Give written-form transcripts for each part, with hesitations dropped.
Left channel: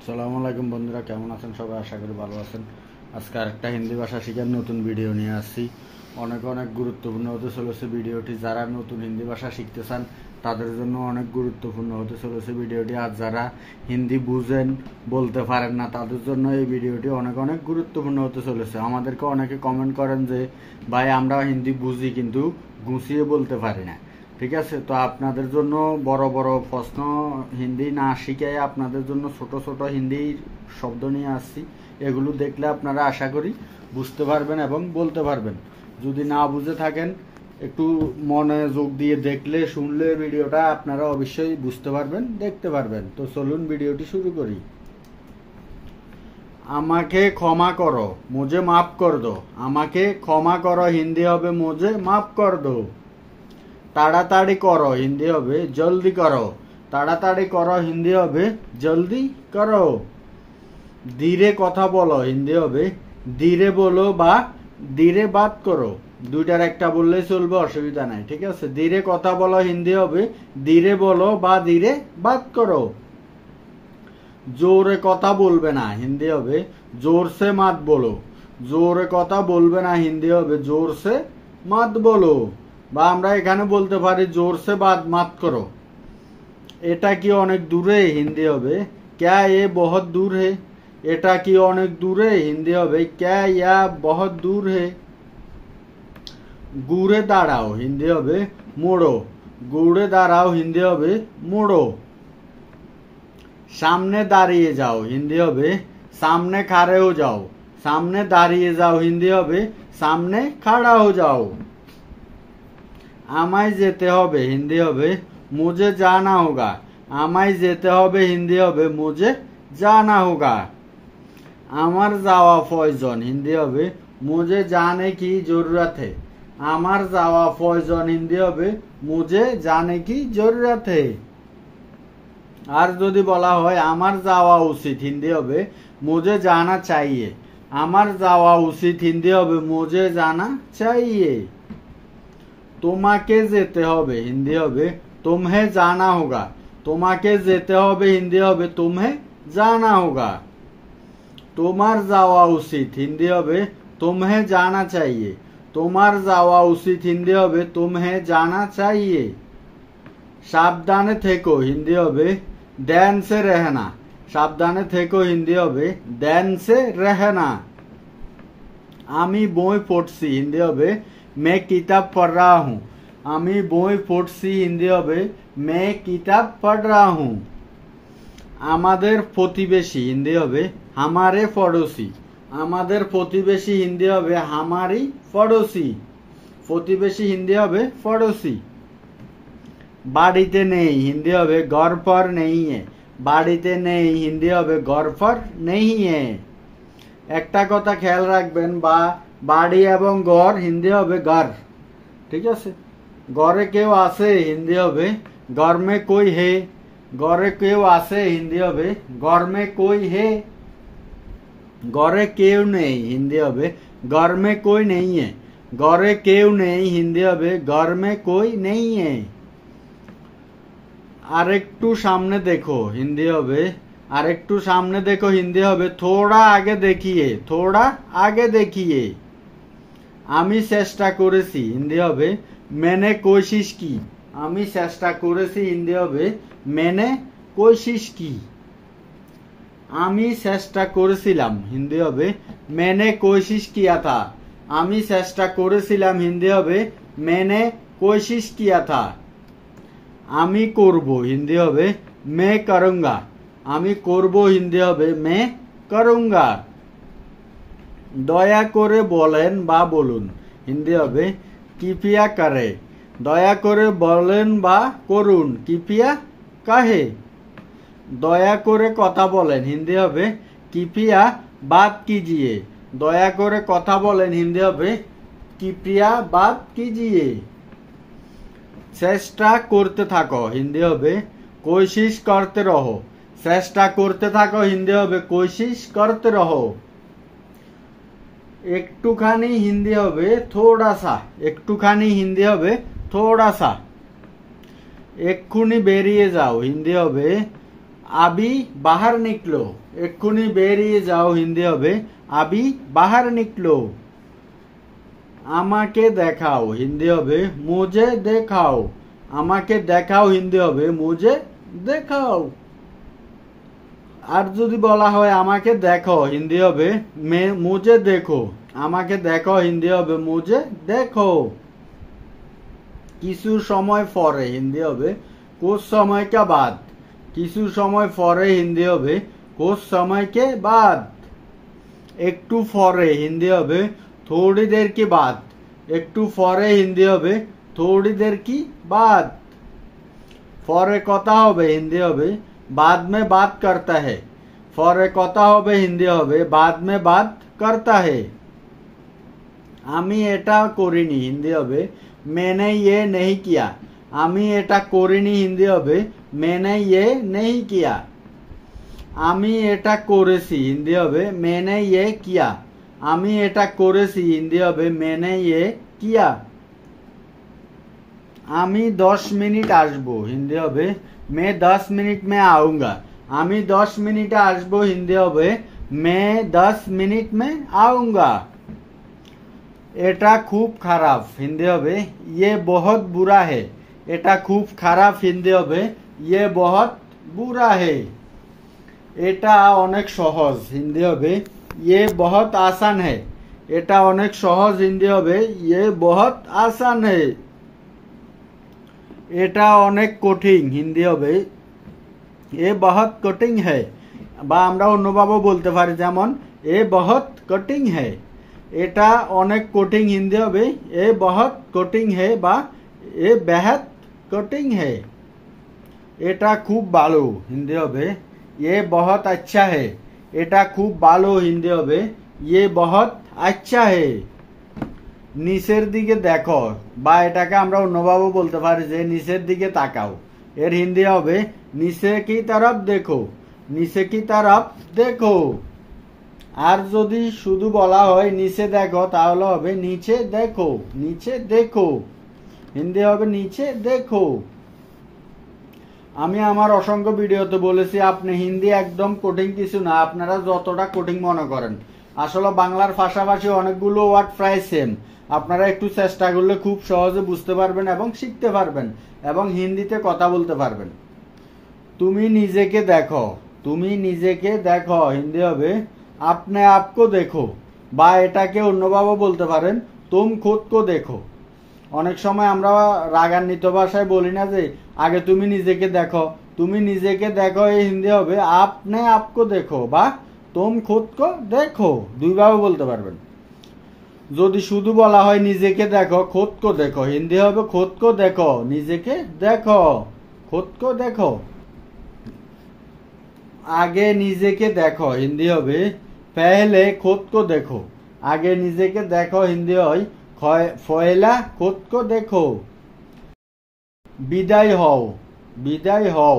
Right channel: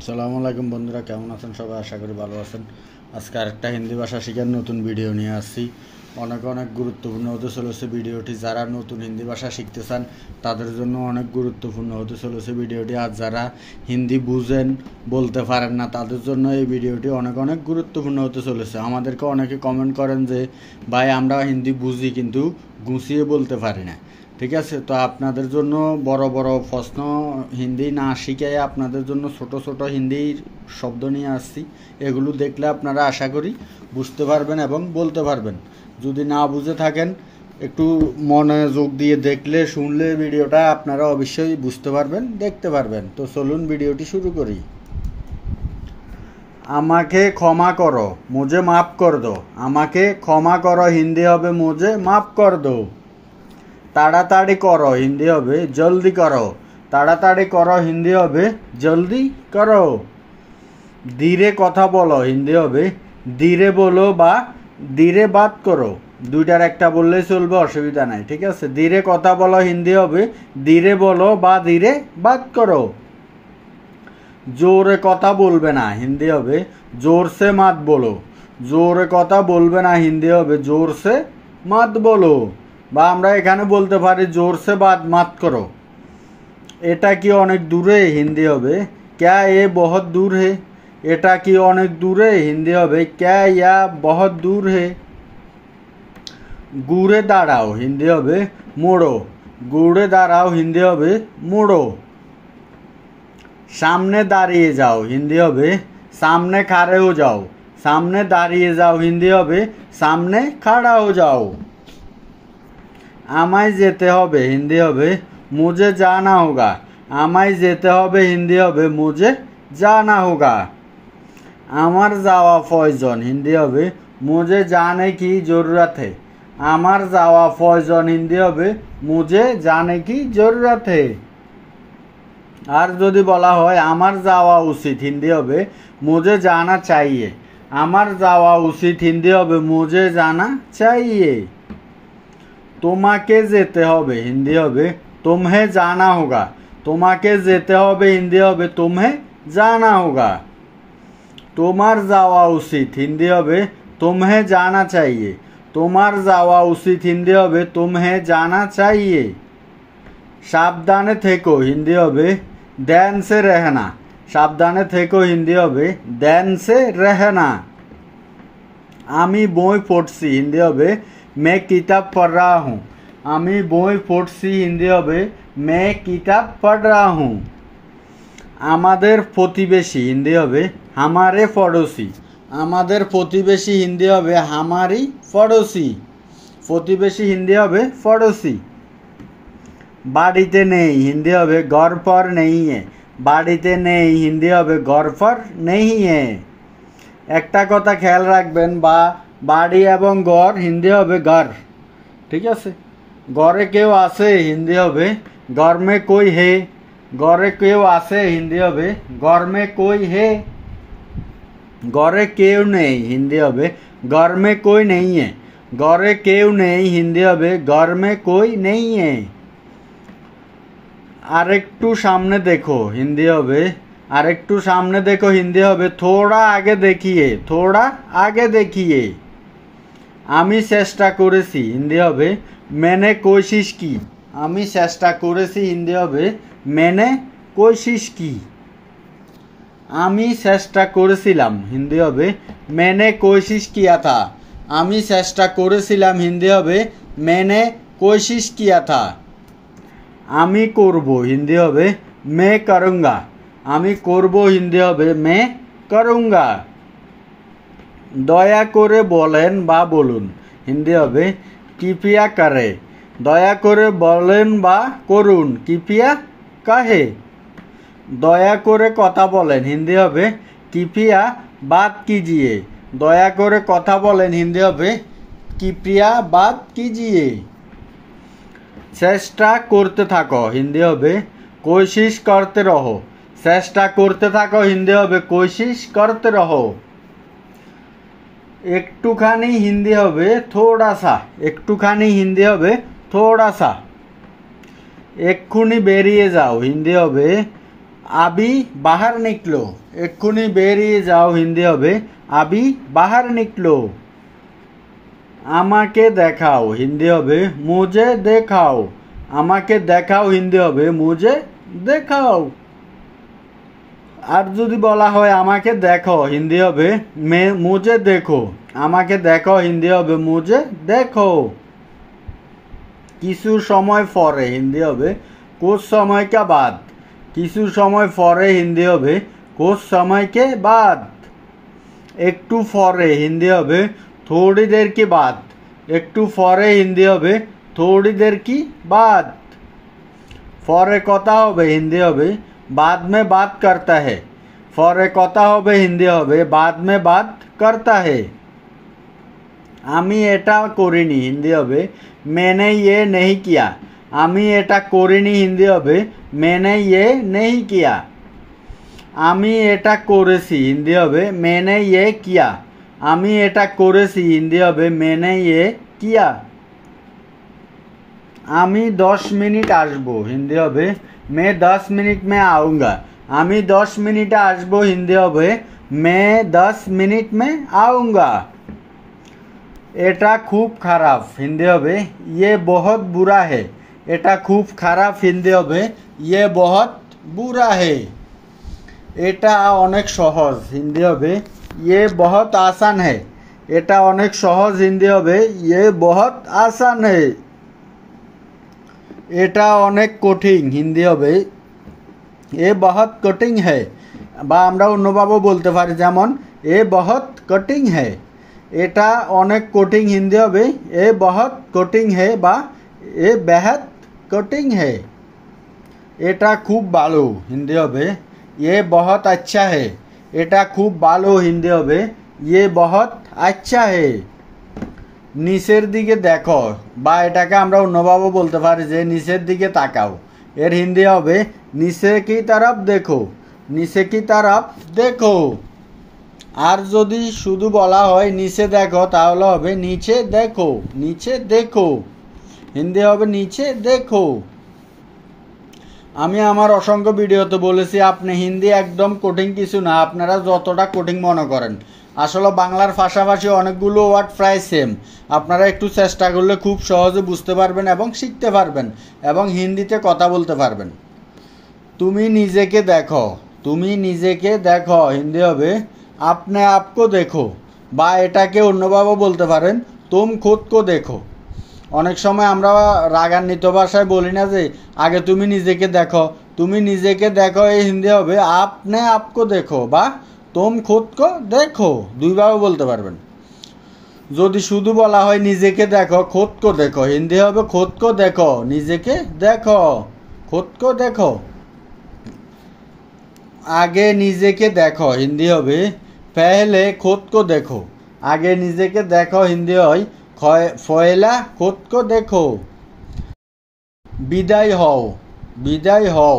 আসসালামু আলাইকুম বন্ধুরা, কেমন আছেন সবাই? আশা করি ভালো আছেন। আজকে আরেকটা হিন্দি ভাষা শেখার নতুন ভিডিও নিয়ে আসছি। অনেক গুরুত্বপূর্ণ হতে চলেছে ভিডিওটি। যারা নতুন হিন্দি ভাষা শিখতে চান তাদের জন্য অনেক গুরুত্বপূর্ণ হতে চলেছে ভিডিওটি। আর যারা হিন্দি বুঝেন, বলতে পারেন না, তাদের জন্য এই ভিডিওটি অনেক গুরুত্বপূর্ণ হতে চলেছে। আমাদেরকে অনেকে কমেন্ট করেন যে ভাই আমরা হিন্দি বুঝি কিন্তু গুছিয়ে বলতে পারি না। ঠিক আছে, তো আপনাদের জন্য বড় বড় প্রশ্ন হিন্দি না শিখে আপনাদের জন্য ছোট ছোট হিন্দির শব্দ নিয়ে আসছি। এগুলো দেখলে আপনারা আশা করি বুঝতে পারবেন এবং বলতে পারবেন। যদি না বুঝে থাকেন, একটু মনোযোগ দিয়ে দেখলে শুনলে ভিডিওটা আপনারা অবশ্যই বুঝতে পারবেন, দেখতে পারবেন। তো চলুন ভিডিওটি শুরু করি। আমাকে ক্ষমা করো, মুঝে মাফ কর দো। আমাকে ক্ষমা করো হিন্দি হবে মুঝে মাফ কর দো। তাড়াতাড়ি করো হিন্দি হবে জলদি করো। তাড়াতাড়ি করো হিন্দি হবে জলদি করো। ধীরে কথা বলো হিন্দি হবে ধীরে বলো বা ধীরে বাত করো। দুইটার একটা বললেই চলবে, অসুবিধা নাই। ঠিক আছে, ধীরে কথা বলো হিন্দি হবে ধীরে বলো বা ধীরে বাত করো। জোরে কথা বলবে না হিন্দি হবে জোরসে মাত বলো। জোরে কথা বলবে না হিন্দি হবে জোরসে মাত বলো। বা আমরা এখানে বলতে পারি জোরসে বাত মাত করো। এটা কি অনেক দূরে হিন্দি হবে ক্যা এ বহুত দূর হে। এটা কি অনেক দূরে হিন্দি হবে ক্যা ইয়া বহুত দূর হে। ঘুরে দাঁড়াও হিন্দি হবে মোড়ো। ঘুরে দাঁড়াও হিন্দি হবে মোড়ো। সামনে দাঁড়িয়ে যাও হিন্দি হবে সামনে খাড়ে হো যাও। সামনে দাঁড়িয়ে যাও হিন্দি হবে সামনে খাড়া হো যাও। আমায় যেতে হবে হিন্দি হবে মুঝে জানা হোগা। আমায় যেতে হবে হিন্দি হবে মুঝে জানা হোগা। আমার যাওয়া প্রয়োজন হিন্দি হবে মুঝে জানে কি জরুরত হে। আমার যাওয়া প্রয়োজন হিন্দি হবে মুঝে জানে কি জরুরত হে। আর যদি বলা হয় আমার যাওয়া উচিত হিন্দি হবে মুঝে জানা চাইয়ে। আমার যাওয়া উচিত হিন্দি হবে মুঝে জানা চাইয়ে। তোমাকে যেতে হবে হিন্দি হবে তুমহে জানা হোগা। তোমাকে যেতে হবে হিন্দি হবে তুমহে জানা হোগা। তোমার যাওয়া উচিত হিন্দি হবে তুমহে জানা চাইয়ে। তোমার যাওয়া উচিত হিন্দি হবে তুমহে জানা চাইয়ে। সাবধানে থেকো হিন্দি হবে ধ্যান সে রহনা। সাবধানে থেকো হিন্দি হবে ধ্যান সে রহনা। আমি বই পড়ছি হিন্দি হবে मैं किताब पढ़ रहा हूँ। আমি বই পড়ছি হিন্দি হবে मैं किताब पढ़ रहा हूँ। আমাদের প্রতিবেশী হিন্দি হবে हमारे पड़ोसी। আমাদের প্রতিবেশী হিন্দি হবে हमारी पड़ोसी। প্রতিবেশী হিন্দি হবে पड़ोसी। বাড়িতে নেই হিন্দি হবে घर पर नहीं है। বাড়িতে নেই হিন্দি হবে घर पर नहीं है। একটা কথা খেয়াল রাখবেন, বা বাড়ি এবং ঘর হিন্দি হবে ঘর। ঠিক আছে, ঘরে কেউ আছে হিন্দি হবে ঘর মে কোই হে। ঘরে কেউ আছে হিন্দি হবে ঘর মে কোই হে। ঘরে কেউ নেই হিন্দি হবে ঘর মে কোই নেই হে। ঘরে কেউ নেই হিন্দি হবে ঘর মে কোই নেই হে। আরেকটু সামনে দেখো হিন্দি হবে আরেকটু সামনে দেখো হিন্দি হবে থোড়া আগে দেখিয়ে। থোড়া আগে দেখিয়ে। আমি চেষ্টা করেছি হিন্দি হবে मैंने कोशिश की। আমি চেষ্টা করেছি হিন্দি হবে मैंने कोशिश की। আমি চেষ্টা করেছিলাম হিন্দি হবে मैंने कोशिश किया था। আমি চেষ্টা করেছিলাম হিন্দি হবে मैंने कोशिश किया था। আমি করব হিন্দি হবে मैं करूँगा। আমি করব হিন্দি হবে मैं करूँगा। দয়া করে বলেন বা বলুন হিন্দি হবে কৃপয়া করে। দয়া করে বলেন বা করুন কৃপয়া কাহে। দয়া করে কথা বলেন হিন্দি হবে কৃপয়া বাত কিজিয়ে। দয়া করে কথা বলেন হিন্দি হবে কৃপয়া বাত কিজিয়ে। চেষ্টা করতে থাকো হিন্দি হবে কোশিশ করতে রহো। চেষ্টা করতে থাকো হিন্দি হবে কোশিশ করতে রহো। একটুখানি হিন্দি হবে থোড়া সা। একটুখানি হিন্দি হবে থোড়া সা। এক্ষুনি বেরিয়ে যাও হিন্দি হবে আবি বাহার নিকলো, এক্ষুনি বেরিয়ে যাও হিন্দি হবে আবি বাহার নিকলো। আমাকে দেখাও হিন্দি হবে মুঝে দেখাও, আমাকে দেখাও হিন্দি হবে মুঝে দেখাও। আর যদি বলা হয় আমাকে দেখো হিন্দি হবে মুঝে দেখো, আমাকে দেখো হিন্দি হবে মুঝে দেখো। কিছু সময় পরে হিন্দি হবে कुछ समय के बाद, কিছু সময় পরে হিন্দি হবে कुछ समय के बाद। একটু পরে হিন্দি হবে थोड़ी देर के बाद, একটু পরে হিন্দি হবে थोड़ी देर की बाद। পরে কথা হবে হিন্দি হবে बाद में बात करता है, পরে কথা হবে হিন্দি হবে बाद में बात करता है। আমি এটা করিনি হিন্দি হবে मैंने ये नहीं किया, আমি এটা করিনি হিন্দি হবে मैंने ये नहीं किया। আমি এটা করেছি হিন্দি হবে मैंने ये किया, আমি এটা করেছি হিন্দি হবে मैंने ये किया। আমি 10 মিনিট আসবো হিন্দি হবে मैं 10 मिनट में आऊँगा, আমি 10 মিনিটে আসবো হিন্দি হবে मैं 10 मिनट में आऊँगा। এটা খুব খারাপ হিন্দি হবে ये बहुत बुरा है, এটা খুব খারাপ হিন্দি হবে ये बहुत बुरा है। এটা অনেক সহজ হিন্দি হবে ये बहुत आसान है, এটা অনেক সহজ হিন্দি হবে ये बहुत आसान है। এটা অনেক কঠিন হিন্দি হবে ये बहुत कठिन है, বা আমরা অন্যভাবে বলতে পারি যেমন ये बहुत कठिन है। এটা অনেক কঠিন হিন্দি হবে ये बहुत कठिन है বা ये बेहद कठिन है। এটা খুব ভালো হিন্দি হবে ये बहुत अच्छा है, এটা খুব ভালো হিন্দি হবে ये बहुत अच्छा है। নিচের দিকে দেখো বা এটাকে আমরা অন্যভাবে বলতে পারি যে নিচের দিকে তাকাও, এর হিন্দি হবে নিচে কি तरफ देखो, নিচে কি तरफ देखो। আর যদি শুধু বলা হয় নিচে দেখো তাহলে হবে নিচে দেখো, নিচে দেখো হিন্দি হবে নিচে দেখো। আমি আমার অসংখ্য ভিডিওতে বলেছি আপনি হিন্দি একদম কঠিন কিছু না, আপনারা যতটা কঠিন মনে করেন। আসলে বাংলার পাশাপাশি অনেকগুলো ওয়ার্ড প্রায় সেম, আপনারা একটু চেষ্টা করলে খুব সহজে বুঝতে পারবেন এবং শিখতে পারবেন এবং হিন্দিতে কথা বলতে পারবেন। তুমি নিজেকে দেখো, তুমি নিজেকে দেখো হিন্দি হবে আপনি আপকো দেখো, বা এটাকে অন্যভাবে বলতে পারেন তুম খুদ কো দেখো। অনেক সময় আমরা রাগান্বিত ভাষায় বলি না যে আগে তুমি নিজেকে দেখো, তুমি নিজেকে দেখো এই হিন্দি হবে আপনি আপকো দেখো বা তুম খুদ কো দেখো, দুইভাবে বলতে পারবেন। যদি শুধু বলা হয় নিজেকে দেখো খুদ কো দেখো হিন্দি হবে খুদ কো দেখো, নিজেকে দেখো খুদ কো দেখো। আগে নিজেকে দেখো হিন্দি হবে पहले खुद को देखो, आगे নিজেকে দেখো হিন্দি হয় পয়লা खुद को देखो। বিদায় হও, বিদায় হও।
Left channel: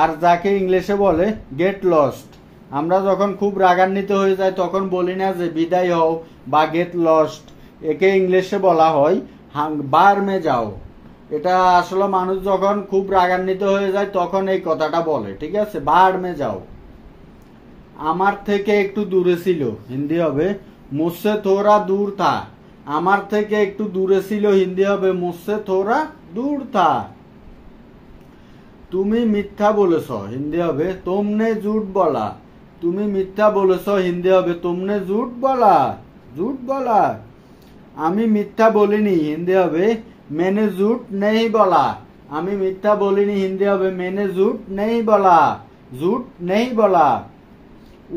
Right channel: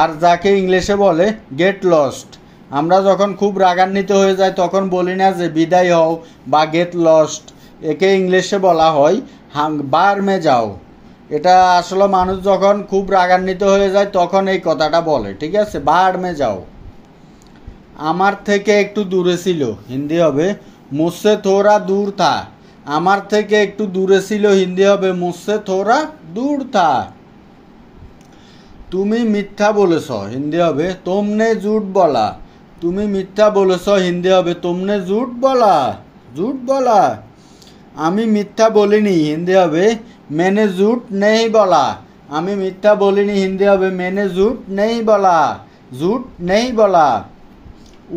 আর যাকে ইংলিশে বলে গেট লস্ট, আমরা যখন খুব রাগান্বিত হয়ে যাই তখন বলি না যে বিদায় হও বা গেট লস্ট, একে ইংলিশে বলা হয় বার মে যাও। এটা আসলে মানুষ যখন খুব রাগান্বিত হয়ে যায় তখন এই কথাটা বলে, ঠিক আছে, বার মে যাও। আমার থেকে একটু দূরে ছিল হিন্দি হবে মুঝসে থোড়া দূর থা, আমার থেকে একটু দূরে ছিল হিন্দি হবে মুঝসে থোড়া দূর থা। তুমি মিথ্যা বলেছ হিন্দি হবে তুমনে ঝুট বলা, তুমি মিথ্যা বলেছ হিন্দি হবে তুমনে ঝুট বলা, ঝুট বলা। আমি মিথ্যা বলিনি হিন্দি হবে मैंने झूठ नहीं बोला, আমি মিথ্যা বলিনি হিন্দি হবে मैंने झूठ नहीं बोला, झूठ नहीं बोला।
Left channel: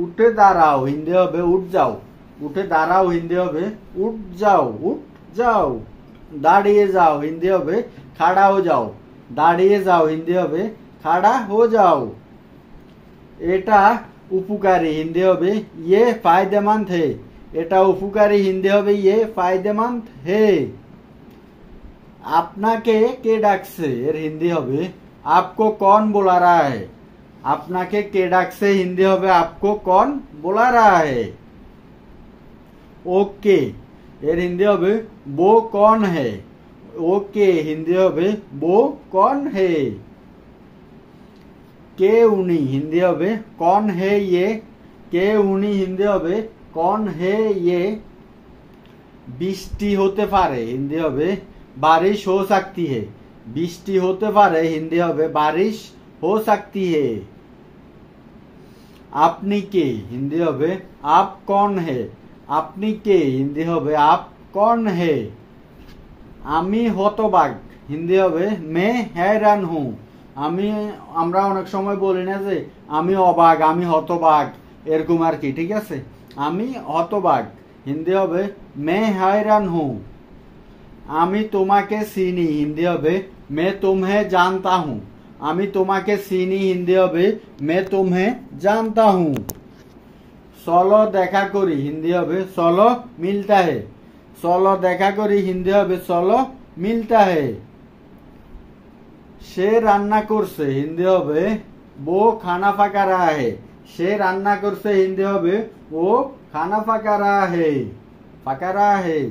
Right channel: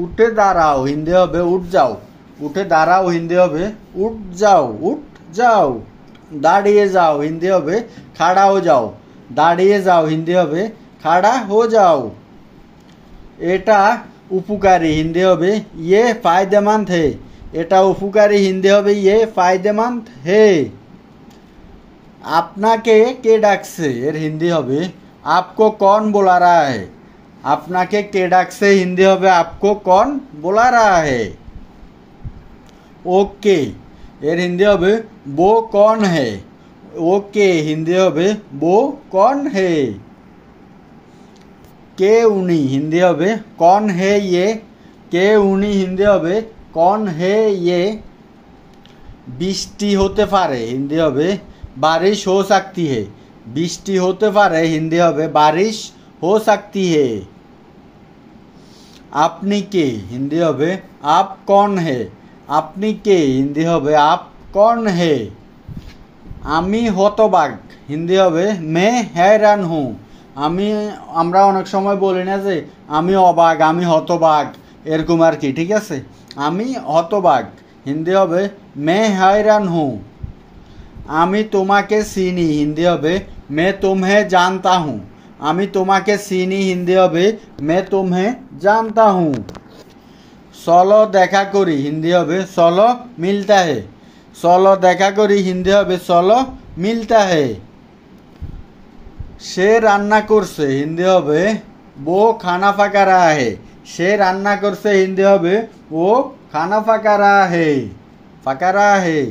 উঠে দাঁড়াও হিন্দি হবে উঠ যাও, উঠে দাঁড়াও হিন্দি হবে উঠ যাও, উঠ যাও। দাঁড়িয়ে যাও হিন্দি হবে খাড়া হো যাও, দাঁড়িয়ে যাও হিন্দি হবে খাড়া হো যাও। এটা উপকারী হিন্দি হবে ये फायदेमंद है, এটা উপকারী হিন্দি হবে ये फायदेमंद है। আপনাকে কে ডাকছে এর হিন্দি হবে आपको कौन बुला रहा है, আপনাকে কে ডাকছে হিন্দি হবে आपको कौन बुला रहा है। ওকে এর হিন্দি হবে वो कौन है, ওকে হিন্দি হবে वो कौन है। কে উনি হিন্দি হবে কন হে ইয়ে, কে উনি হিন্দি হবে কন হে ইয়ে। বৃষ্টি হতে পারে হিন্দি হবে বারিশ হো सकती है, বৃষ্টি হতে পারে হিন্দি হবে বারিশ হো सकती है। আপনি কে হিন্দি হবে আপ কন হে, আপনি কে হিন্দি হবে আপ কন হে। আমি হতবাক হিন্দি হবে মে हैरान हूँ, আমরা অনেক সময় বলি না যে আমি অবাক আমি হতবাক এরকম আর কি, ঠিক আছে। আমি হতবাক হিন্দি হবে মে हैरान हूँ। আমি তোমাকে চিনি হিন্দি হবে মে তুমহে জানতা হুঁ, আমি তোমাকে চিনি হিন্দি হবে মে তুমহে জানতা হুঁ। চলো দেখা করি হিন্দি হবে চলো মিলতা হে, চলো দেখা করি হিন্দি হবে চলো মিলতা হে। সে রান্না করছে হিন্দি হবে वो खाना पका रहा है, সে রান্না করছে হিন্দি হবে ও খানা পাকা रहा है, পাকা रहा है।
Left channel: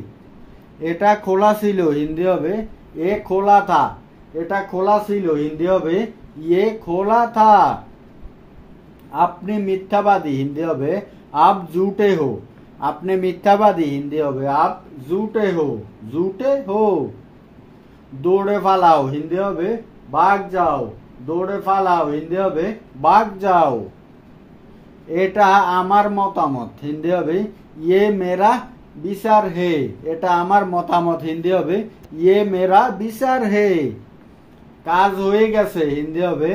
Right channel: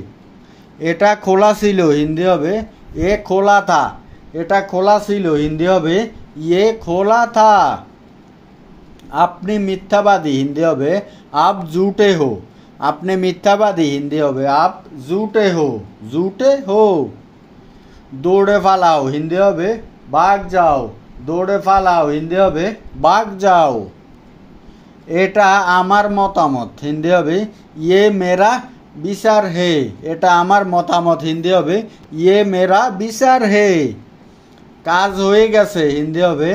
এটা খোলা ছিল হিন্দি হবে এ খোলা থা, এটা খোলা ছিল হিন্দি হবে ये খোলা থা। আপনি মিথ্যাবাদী হিন্দি হবে आप झूठे हो, আপনি মিথ্যাবাদী হিন্দি হবে आप झूठे हो, झूठे हो। দৌড়ে পালাও হিন্দি হবে ভাগ যাও, দৌড়ে পালাও হিন্দি হবে ভাগ যাও। এটা আমার মতামত হিন্দি হবে ইয়ে মেরা বিচার হে, এটা আমার মতামত হিন্দি হবে ইয়ে মেরা বিচার হে। কাজ হয়ে গেছে হিন্দি হবে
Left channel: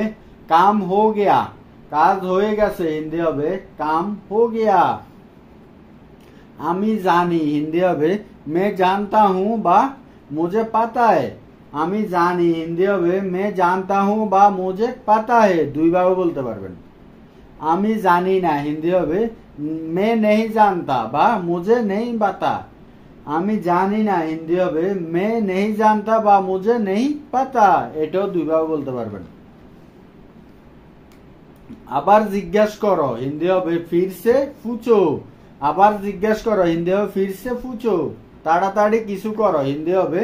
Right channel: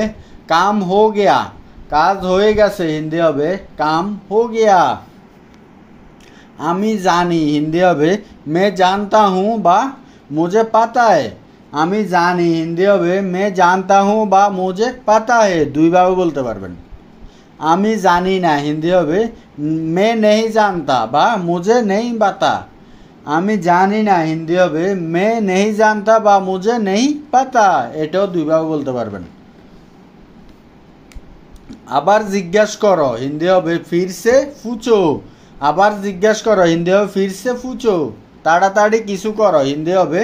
কাম হো গিয়া, কাজ হয়ে গেছে হিন্দি হবে কাম হো গিয়া। আমি জানি হিন্দি হবে মে জানতা হুঁ বা মুঝে পাতা है, আমি জানি হিন্দি হবে মে জানতা হুঁ বা মুঝে পাতা है, দুইভাবে বলতে পারবেন। আমি জানি না হিন্দি হবে মে নেই জানতা বা মুঝে নেই পাতা, আমি জানি না হিন্দি হবে মে নেই জানতা বা মুঝে নেই পাতা, এটাও দুইভাবে বলতে পারবেন। আবার জিজ্ঞেস করো হিন্দি হবে ফিরসে ফুচো, আবার জিজ্ঞেস করো হিন্দি হবে ফিরসে ফুচো। তাড়াতাড়ি কিছু করো হিন্দি হবে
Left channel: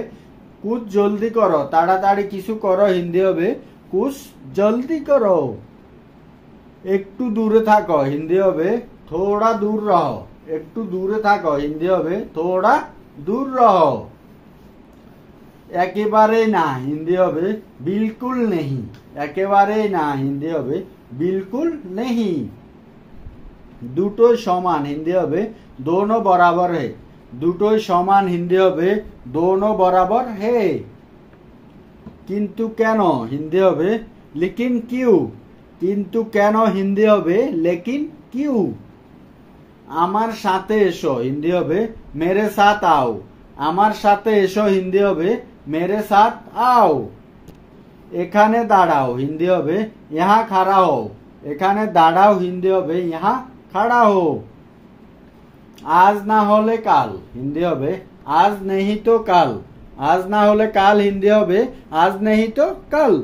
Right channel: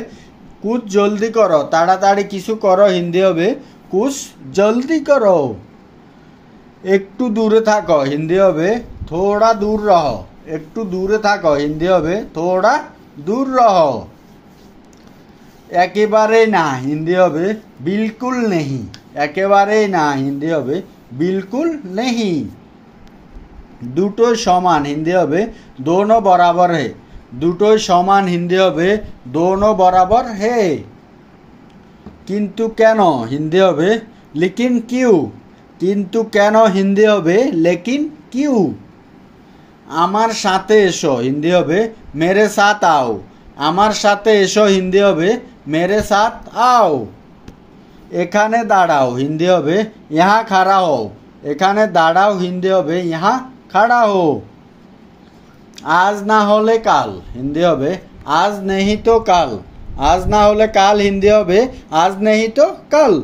কুছ জলদি করো, তাড়াতাড়ি কিছু করো হিন্দি হবে কুছ জলদি করো। একটু দূরে থাকো হিন্দি হবে থোড়া দূর রহো, একটু দূরে থাকো হিন্দি হবে থোড়া দূর রহো। একেবারে না হিন্দি হবে বিলকুল নেহি, একেবারে না হিন্দি হবে বিলকুল নেহি। দুটো সমান হিন্দি হবে দোনো বরাবর হে, দুটোই সমান হিন্দি হবে দোনো বরাবর হে। কিন্তু কেন হিন্দি হবে লেকিন কিউ, কিন্তু কেন হিন্দি হবে লেকিন কিউ। আমার সাথে এসো হিন্দি হবে মেরে সাথ আও, আমার সাথে এসো হিন্দি হবে মেরে সাথ আও। এখানে দাঁড়াও হিন্দি হবে ইহা খাড়া হও, এখানে দাঁড়াও হিন্দি হবে ইহা খাড়া হো। আজ না হলে কাল হিন্দি হবে আজ নেহি তো কাল, আজ না হলে কাল হিন্দি হবে আজ নেহি তো কাল।